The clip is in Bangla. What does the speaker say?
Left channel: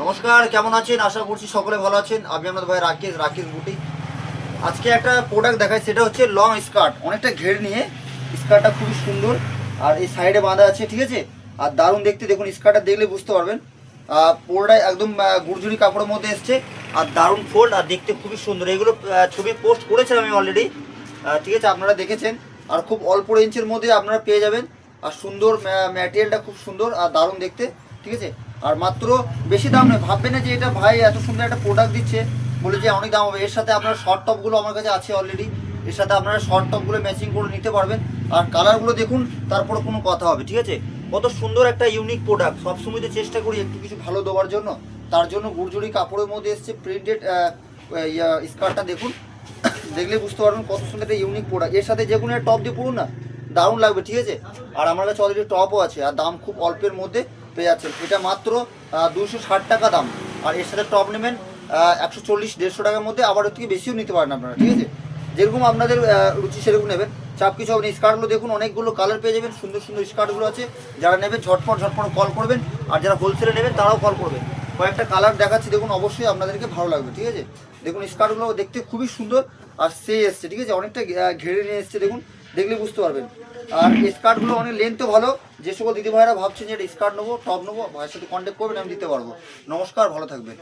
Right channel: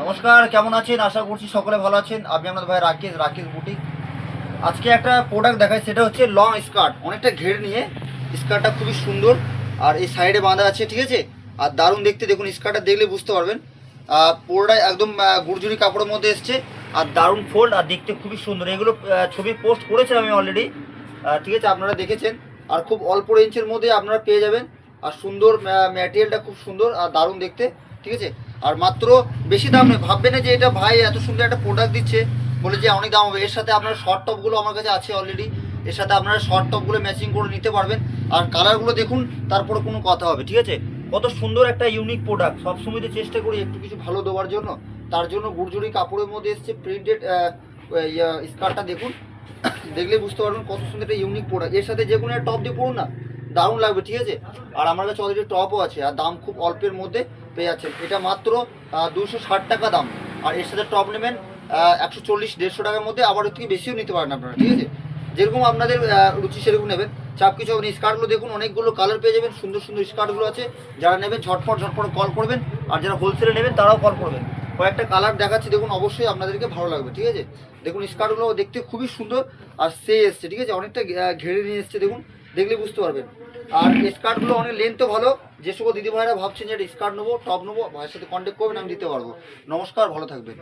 নমস্কার, কেমন আছেন? আশা করছি সকলে ভালো আছেন। আমি আপনাদের ভাই রাকেশ বুটিক। আজকে একটা প্রোডাক্ট দেখাই, সেটা হচ্ছে লং স্কার্ট, অনেকটা ঘের নিয়ে। স্কার্টটা খুবই সুন্দর আর এই সাইডে বাঁধা আছে, ঠিক আছে। আর দারুণ দেখতে, দেখুন স্কার্টটা দেখলে বুঝতে পারবেন। পুরোটা একদম গুরজুরি কাপড়ের মধ্যে এসছে আর দারুণ ফোল্ড আর দেখতে খুবই সুন্দর। এগুলো ছবি পোস্ট করেছিলাম আমি অলরেডি, ঠিক আছে, আপনারা দেখেছেন। আর খুব অল্প রেঞ্জের মধ্যে আপনারা পেয়ে যাবেন। আর সুন্দর ম্যাটেরিয়ালটা খুব সুন্দর আর দারুণ দেখতে, ঠিক আছে। আর মাত্র বেশি দাম নয়, ভাববেন না যে এটা ভাই এত সুন্দর একটা প্রোডাক্ট দিচ্ছে বলে যে অনেক দাম হবে। এর সাথে আপনারা শর্ট টপগুলো আমার কাছে আছে অলরেডি, এর সাথে আপনারা শর্ট টপগুলো ম্যাচিং করে নিতে পারবেন। আর কালারগুলো দেখুন, তারপরে কোনো কথা হবে, ঠিক আছে। কত সুন্দর একটা ইউনিক প্রোডাক্ট। সবসময় তো চেষ্টা করি একটু কিছু ভালো দেওয়ার জন্য, তার জন্য গুরজুরি কাপড়ের মধ্যে এসছে প্রিন্টেড স্কার্টটা দেখুন। দেখলে বুঝতে পারবেন কত সুন্দর একটা ইউনিক প্রোডাক্ট। এর সাথে যে কোনো একটা টপ দিয়ে পড়ুন না, দারুণ লাগবে, ঠিক আছে। আর আমার কাছে অলরেডি টপও আছে আর দাম খুব অল্পের মধ্যে পেয়ে যাচ্ছেন। এটা মাত্র 260 টাকা দাম। আর এর সাথে টপ নেবেন 140-150 টাকার মধ্যে, আবার এর থেকে বেশিও নিতে পারেন আপনারা, ঠিক আছে। যেরকম আপনাদের রুচি সেরকম নেবেন, চাপ কিছু হবে না। স্কার্টগুলো দেখুন, অনেকগুলো কালার পেয়ে যাবেন, সুন্দর সুন্দর স্কার্টগুলো আছে। যারা নেবেন ঝটপট কল করবেন, আর যারা হোলসেলে নেবেন তারাও কল করবেন। কয়েকটা কালার দেখাচ্ছি, দেখুন, অবশ্যই আপনাদেরকে ভালো লাগবে, ঠিক আছে। দেখুন স্কার্টগুলো দেখতে খুবই সুন্দর আর এসছে, ঠিক আছে, অনেকটা ঘেরে নিয়ে এসছে, দেখুন, দেখলে বুঝতে পারবেন। আর স্কার্টগুলো অনেক লেন্থও ভালো। যে সকল দিদি ভাইরা ভাবছেন যে এটা স্কার্ট নেবো, টপ নেবো, ভাইয়ের সাথে কন্ট্যাক্ট করবেন, আমি দিতে পারবো। নমস্কার, ভালো থাকবেন।